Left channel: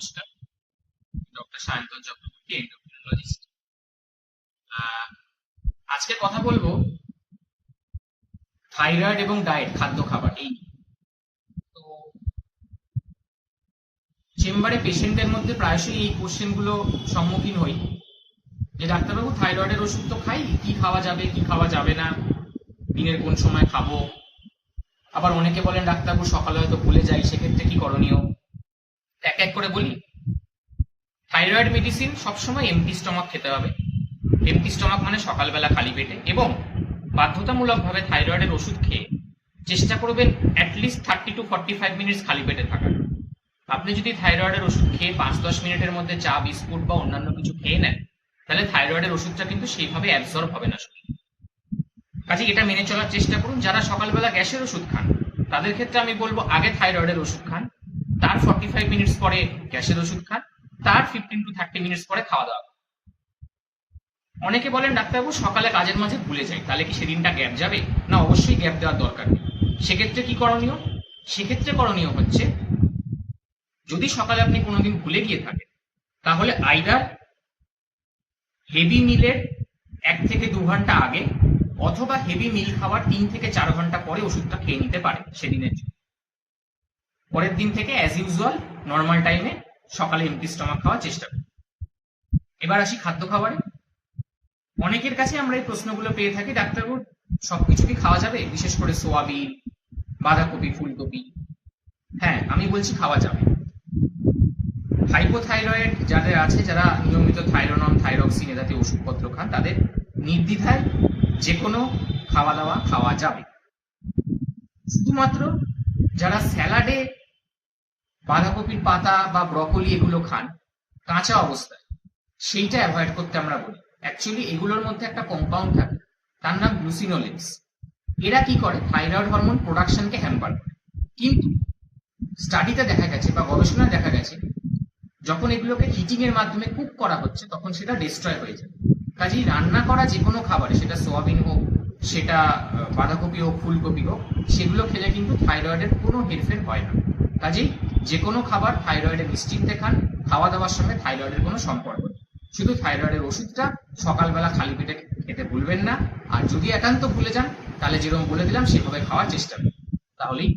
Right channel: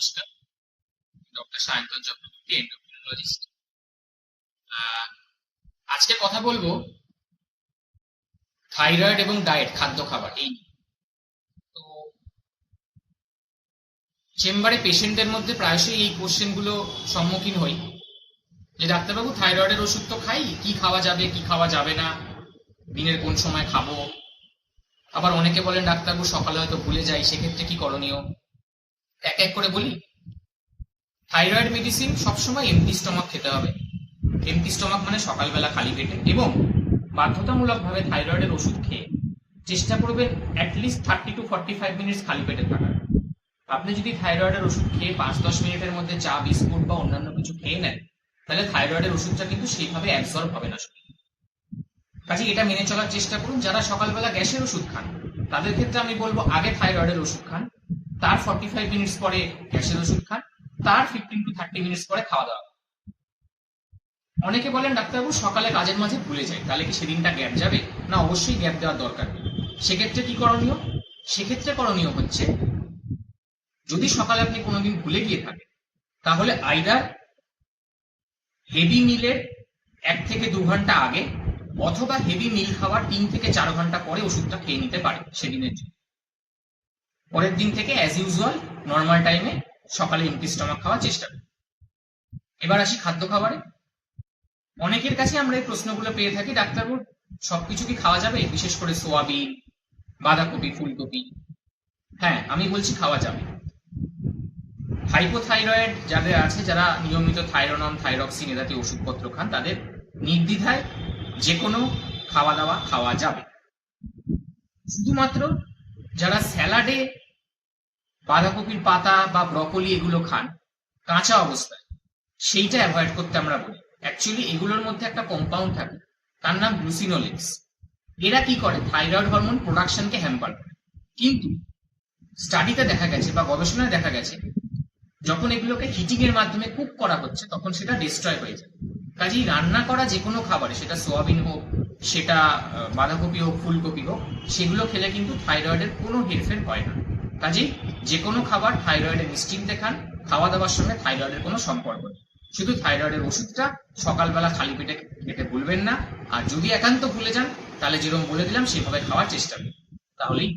নমস্কার, doctor Sayantan Chakraborty, endocrinologist. আজকে কথা বলবো থাইরয়েড এবং ডায়েট, খাদ্য খাবার এই নিয়ে। তো চেম্বারে পেশেন্টদের মধ্যে প্রায়শই এই কোশ্চেনগুলো সম্মুখীন হই যে ডাক্তারবাবু থাইরয়েডের ওষুধ তো খাই, কি খাওয়া যাবে কি খাওয়া যাবে না, দিনের কোন সময় খাবো। আবার অনেকে বলেন ডাক্তারবাবু সকালে হয়তো ভুলে যাই, সেক্ষেত্রে কি করণীয়? এক এক করে বলি। থাইরয়েড মেডিসিন সবসময় এমটি স্টমাক খেতে হবে। এমটি স্টমাক মানে সকালবেলা খালি পেটে, এবং বাধ্যতামূলকভাবে থাইরয়েডের ওষুধ খেয়ে চেষ্টা করবেন অ্যাটলিস্ট 30 to 45 মিনিটস খালি পেটে থাকার। আপনি যদি থাইরয়েডের ওষুধ খেয়ে 5-10 মিনিটের মধ্যে চা বিস্কুট বা অন্যান্য কিছু খেয়ে নেন, তাহলে থাইরয়েডের ওষুধটা কিন্তু সেইভাবে অ্যাবসর্ব হবে না শরীরে। কাজে এটা মেনে চলার চেষ্টা করুন। যারা সকালবেলা গ্যাসের ওষুধ খান তাদের ক্ষেত্রে আমি বলবো আগে থাইরয়েডের ওষুধ খান, তার 45 মিনিটস পরে গ্যাসের ওষুধ খান, তার 15 to 30 মিনিটস পরে খাওয়া দাওয়া। অনেকে বলেন ডাক্তারবাবু সকালে কাজের মাঝে ভুলে যাই, তাহলে কি সেদিনটা গ্যাপ যাবে? না, অবশ্যই গ্যাপ দেওয়ার দরকার নেই। সেক্ষেত্রে কি করণীয়? সেক্ষেত্রে করণীয় হচ্ছে, যদি সকালে আপনি কোনোদিন ভুলে গিয়ে থাকেন, তাহলে আইদার হেভি মিলের 1 থেকে 2 ঘন্টা আগে অথবা হেভি মিল খাওয়ার 3 থেকে 4 ঘন্টা পরে ওষুধটা খেয়ে নিতে পারে সেদিনের জন্য। পরের দিন থেকে অ্যাজ ইউজুয়াল নর্মাল টাইমে সকালে এমটি স্টমাক খাওয়ার চেষ্টা করুন। এবার আসি খাদ্য খাবারে। অনেকের কাছে আমরা এই প্রশ্নগুলো পেয়ে থাকি, ডাক্তারবাবু সবকিছু কি খাওয়া যাবে, বিশেষ করে সোয়াবিন, বাঁধাকপি, ফুলকপি? হ্যাঁ, আমি বলছি খাওয়া যাবে। হাইপোথাইরয়েড যাদের আছে, যারা নিয়মিত থাইরোনন, থাইরক্সিন এ জাতীয় ওষুধপত্র খান, তাদের নির্দ্বিধায় যে কোনো খাওয়া দাওয়া খাওয়া যাবে। শুধুমাত্র যারা স্যালাডে বাঁধাকপির পাতা বা ব্রকলি এগুলো খান কাঁচা অবস্থায়, সেইটা অ্যাভয়েড করতে আমরা বলি। অ্যাকচুয়ালি এগুলোর মধ্যে একটা কম্পাউন্ড থাকে, তার নাম গ্লুসিনোলেক্স। এরা কি করে? থাইরয়েড হরমোন প্রোডাকশনকে হ্যাম্পার করে। কিন্তু স্টাডিতে দেখা গেছে বা গবেষণায় দেখা গেছে, যখন এগুলোকে হিটিং এর মাধ্যমে কুক করা হচ্ছে তখন সেটা ডিস্ট্রয় হয়ে যায়। কাজেই রান্না করা যে কোনো খাবারে, সেটা সোয়াবিন হোক, সেটা বাঁধাকপি হোক, ফুলকপি হোক, সেগুলো খেলে কিন্তু থাইরয়েডের কোনো হেরফের হয় না। কাজেই যে কোনো খাবার থাইরয়েডের নিশ্চিন্তে খান, খাওয়া দাওয়ার সঙ্গে থাইরয়েডের কোনো সম্পর্ক নেই। শুধু থাইরয়েডের ওষুধটা সকালবেলা খালি পেটে খেতে ভুলবেন না। আর যদি একান্ত ভুলে যান, তাহলে যেরকম বলে দিলাম সেভাবে খাওয়ার চেষ্টা করুন, তাহলেই